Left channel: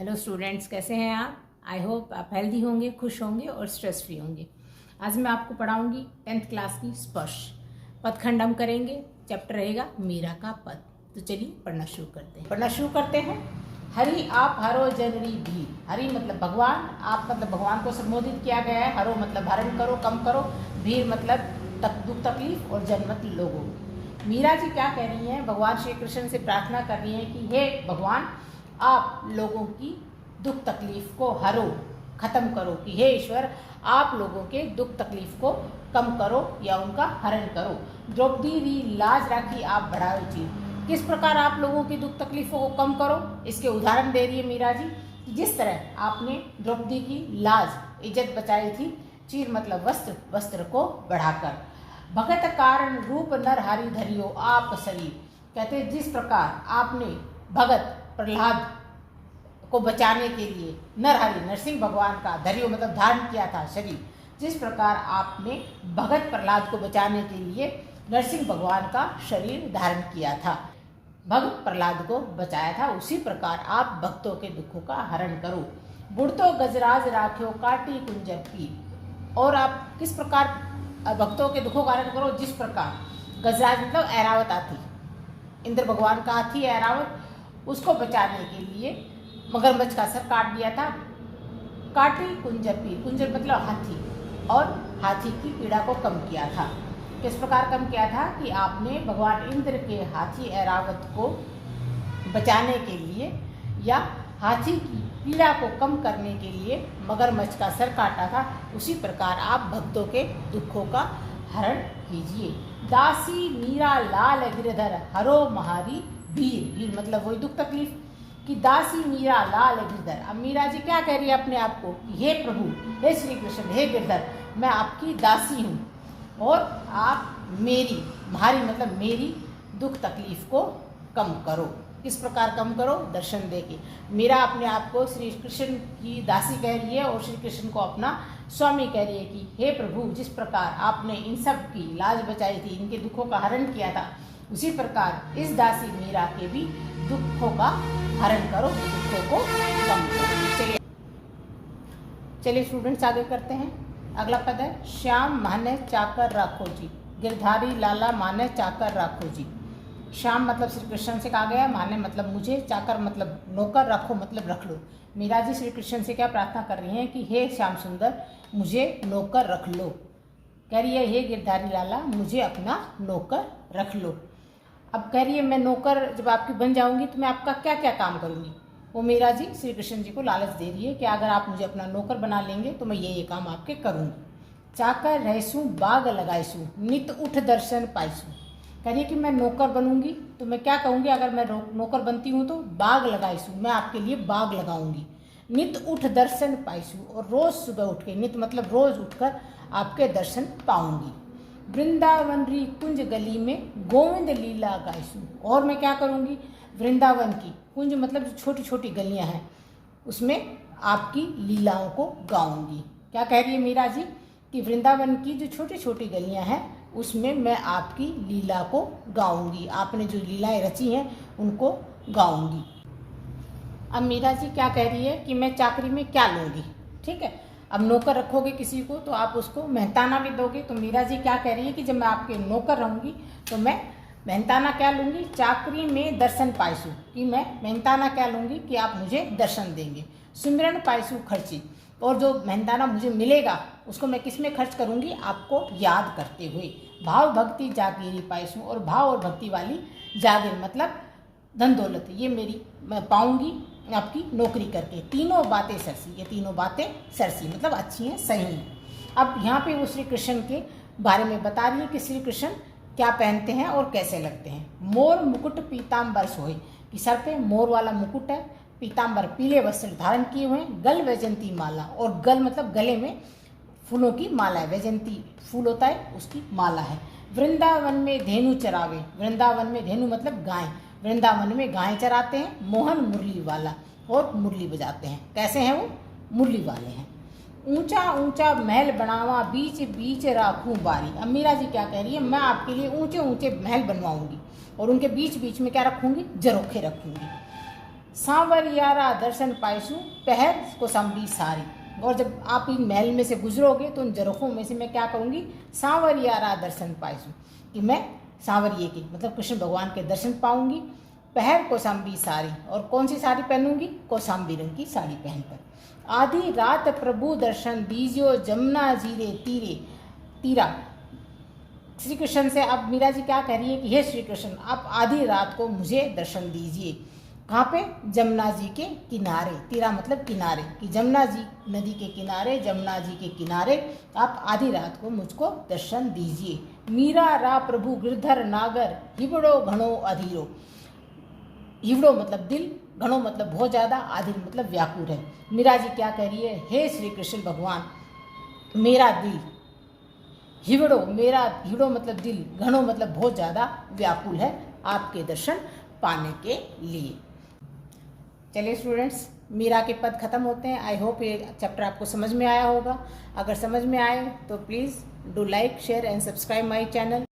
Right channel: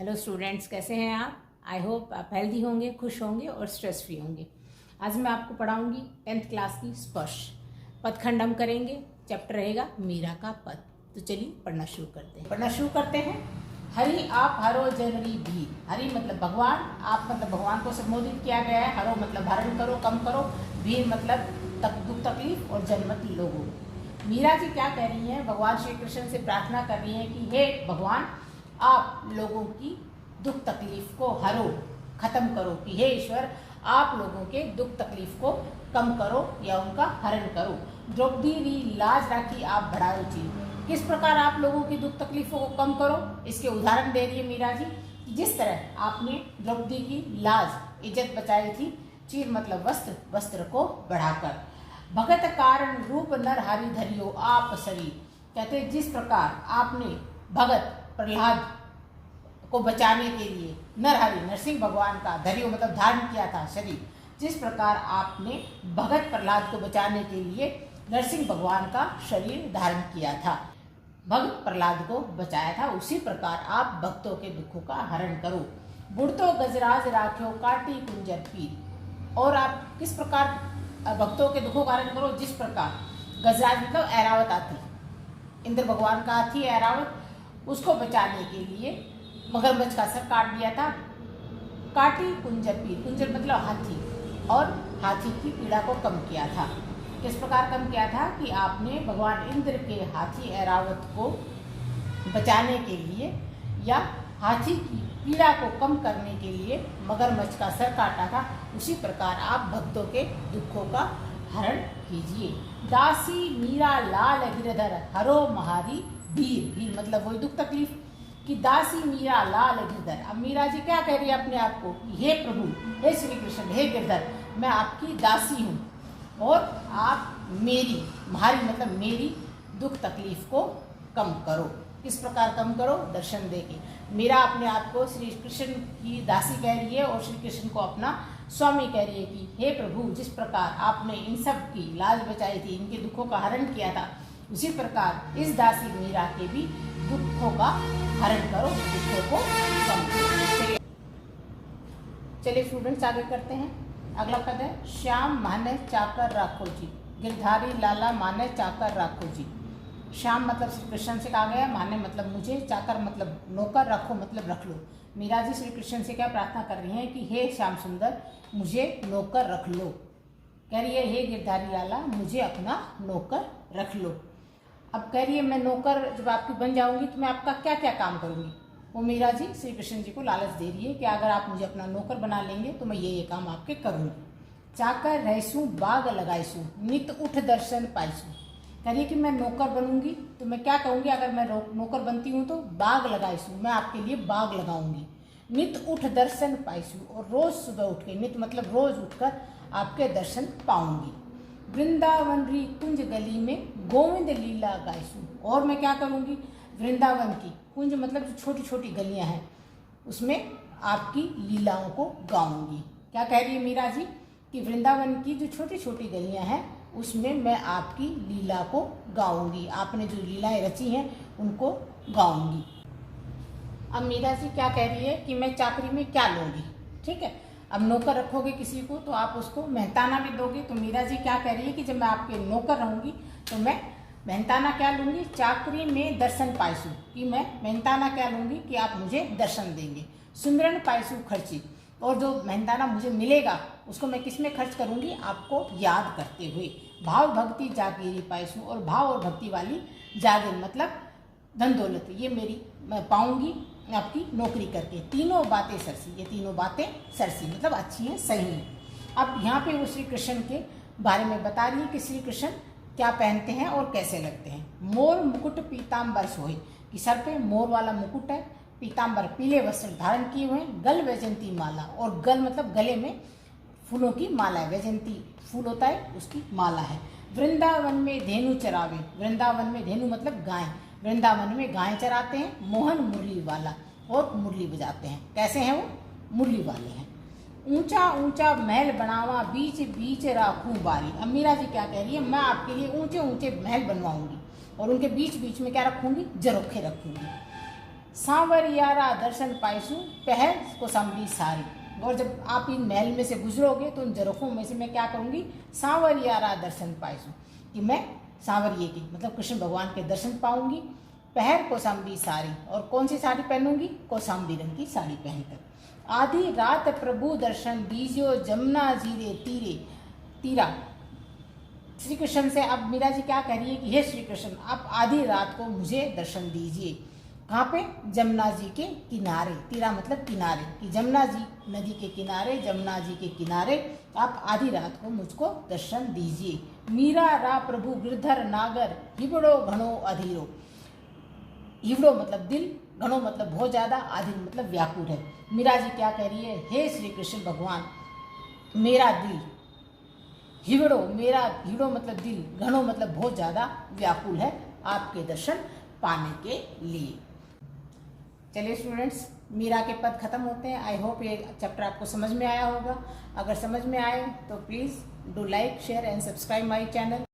Hello students, कैसे हैं आप? आई होप आप हेल्दी होंगे, खुश होंगे और स्ट्रेस फ्री होंगे। आज मैं आपको पढ़ाऊंगी 10th क्लास की स्पर्श पदखंड हम करेंगे। चैप्टर रहेगा मीरा का पद। तो चलिए पढ़ना शुरू करते हैं। हरि आप हरो जनरी भी। हरि मतलब भगवान, आप मतलब भगवान को संबोधित किया गया है। हरो मतलब हरण करो, कम करो। भीड़ मतलब दुख तकलीफ, और जन मतलब लोगों। मीरा जी क्या कह रही हैं? भगवान श्री कृष्ण से प्रार्थना कर रही हैं कि हे भगवान, आप लोगों की दुख तकलीफ को हरो, खत्म करो। कि हे ईश्वर, आप लोगों के दुख तकलीफ को कम करो या उनका हरण करो। द्रौपदी री लाज राखी आप बढ़ाओ जी। किस प्रकार आप लोगों की दुख तकलीफों को कम करो, इसके उदाहरण दे रही है मीरा जी। जिस तरह आपने द्रौपदी की लाज, इज्जत बचाई थी। चीर मतलब वस्त्र, वस्त्र को बढ़ाकर। भगत कारण रूप नर हारी धरियो आप शरीर। कहते जिस प्रकार आपने भगत प्रहलाद को बचाने के लिए नरहरि नरसिंह भगवान का धरियो मतलब धारण किया था शरीर। जिस प्रकार आपने भगत प्रहलाद को बचाने के लिए नरसिंह भगवान का शरीर धारण किया था, भगत प्रहलाद को बचाया था, उसी प्रकार आप भक्तों के दुखों का हरण करो। बुढ़तो गजराज राख्यो काटी कुंजर पीर। और आप किस प्रकार भक्तों के दुखों का हरण करो? जिस प्रकार गजराज मतलब ऐरावत हाथी, इंद्र भगवान का हाथी ऐरावत, उसको बचाने के लिए मगरमच्छ का सर काट दिया था। काटी कुंजर पीर, कुंजर मतलब हाथी, और हाथी की पीड़ा को कम किया था। किस प्रकार कम किया था? कि आपने भगवान इंद्र के हाथी ऐरावत को बचाने के लिए या हाथी की पीड़ा को कम करने के लिए मगरमच्छ का सर काटा था। उसी प्रकार आप भक्तों के दुखों का हरण कीजिए। दासी मीरा लाल गिरधर हरो महारी भीर। भीर मतलब वही दुख तकलीफ। कि दासी मीरा लाल गिरधर। अब मीरा जी क्या कह रही है अपने आप को? हे प्रभु, हे श्री कृष्ण, हे गिरधर, मैं आपकी दासी हूँ और आप मेरी, महारी मतलब मेरी दुख तकलीफ को कम करो। किस प्रकार कम करो? दर्शन देके। मीरा अपने आप को श्री कृष्ण की दासी कह रही है और श्री कृष्ण को अपना स्वामी कह रही है कि हे प्रभु, जिस प्रकार आपने इन सब की लाज बचाई थी, इनके दुखों का हरण किया था, उसी प्रकार इस दासी मीरा के भी दुखों का हरण करो, दुखों को कम करो। चलिए स्टूडेंट्स आगे करते हैं। अगला पद है श्याम माने चाकर राखो जी। गिरधारी लाला माने चाकर राखो जी। श्याम मतलब श्री कृष्ण से कहा गया, माने मतलब मुझे, चाकर मतलब नौकर, रखो मतलब रख लो। मीरा जी श्री कृष्ण से क्या प्रार्थना कर रही हैं? कि हे श्याम सुंदर, मुझे नौकर रख लो। कह रही है हे गिरधारी लाला, मुझे अपना नौकर रख लो। अब कह रही है मैं नौकर जब आपकी बन जाऊंगी तो मैं आपका क्या क्या काम करूंगी। वो मीरा जी श्री कृष्ण जी को लालच दे रही है कि अगर आप मुझे अपना नौकर बना लेंगे तो मैं ये काम आपके करूंगी। चाकर रहसू बाग लगाईसू नित उठ दर्शन पाईसू। कह रही है कि मैं नौकर बनूंगी तो मैं क्या कहूंगी? अगर मैं नौकर बनती हूँ तो बाग लगाईसू, मैं आपके लिए बाग लगाऊंगी। नित उठ दर्शन पाईसू, और रोज सुबह उठ के, नित मतलब रोज उठकर आपके दर्शन पाऊंगी। वृंदावन री कुंज गली में गोविंद लीला गाईसू। और मैं क्या करूंगी? वृंदावन की कुंज मतलब जो छोटी छोटी गलियां हैं, उसमें आपकी लीलाओं को गाऊंगी। क्या कह रही है मीरा जी? कि वृंदावन की जो छोटी छोटी गलियां हैं उसमें मैं आपकी लीला को गाऊंगी, आपने जो लीलाएं रची हैं उनको गाऊंगी। अब मीरा जी क्या कह रही है? कि मैं चाकरी में क्या लूंगी। ठीक है, अब नौकर रखोगे किसी को तो आप उसको मेहनताना भी दोगे। तो मीरा जी क्या कह रही है कि जब मैं आपके नौकर रहूंगी तो मैं मेहनताना क्या लूंगी? चाकरी में दर्शन पाईसू, कि मैं मेहनताना क्या लूंगी? कि आप मुझे दर्शन देंगे। सुमिरन पाईसू खर्ची, और जो मेहनताना मुझे मिलेगा उसको मैं किस में खर्च करूंगी? आपको याद करते हुए। भाव भक्ति जागीरी पाईसू, और भाव और भक्ति वाली जागीर मतलब धन दौलत, ये मेरी मैं पाऊंगी आपकी नौकरी करके। तीनों बातें सरसी, ये तीनों बातें सरसी मतलब अच्छी हैं, सही हैं। अब यहाँ पे वो श्री कृष्ण के बारे में बता रही है कि श्री कृष्ण क्या पहनते हैं और कैसे लगते हैं। मोर मुकुट पीताम्बर सोहे, कि सर पे मोर वाला मुकुट है, पीताम्बर पीले वस्त्र धारण किए हुए, गल वैजंती माला, और गल मतलब गले में फूलों की माला है, वैजंती फूल होता है उसकी माला है। वृंदावन में धेनु चरावे, वृंदावन में धेनु मतलब गाय, वृंदावन में गाय चराते हैं। मोहन मुरली वाला, और मुरली बजाते हैं। कैसे हैं वो? मुरली वाले हैं। ऊंचा ऊंचा महल बनावा बीच बीच राखूं बारी। अब मीरा जी क्या कह रही है? मैं आपके लिए ऊंचे ऊंचे महल बनवाऊंगी और उनके बीच बीच में क्या रखूंगी? झरोखे रखूंगी। सांवरियारा दर्शन पाइसू पहर कोसंबी सारी। और जब आप इन महल में से गुजरोगे तो उन जरखों में से मैं क्या करूँगी, सांवरियारा दर्शन पाइसू, कि मैं सांवरिये के मतलब कृष्ण भगवान के दर्शन पाऊंगी। पहर कोसंबी साड़ी, और कौन सी साड़ी पहनूंगी, कौसाम्बी रंग की साड़ी पहनकर। आधी रात प्रभु दर्शन दीजियो जमुना जीरे तीरे तीरा। श्री कृष्ण से अब मीरा जी क्या कह रही है कि हे श्री कृष्ण, आप आधी रात को मुझे दर्शन दीजिए। कहाँ पे, जमुना जी के किनारे। तीरा मतलब किनारे, कि जमुना जी नदी के किनारे, जमुना जी के किनारे आप आधी रात को मुझको दर्शन दीजिए। मीरा रा प्रभु गिरधर नागर हिबड़ो घणो अधीरो। हिबड़ो मतलब दिल, घणो मतलब बहुत ज्यादा, आधीर मतलब व्याकुल है। मीरा जी क्या कह रही है, हे श्री कृष्ण भगवान, मेरा दिल हिबड़ो, मेरा हिबड़ो मतलब दिल, घणो मतलब बहुत ज्यादा व्याकुल है आपके दर्शन पाने के लिए। चलिए स्टूडेंट्स, मीरा के पद खत्म होते हैं। आई होप ये चैप्टर आपको समझ में आया होगा। अगर समझ में आए तो please do like, share and subscribe my channel.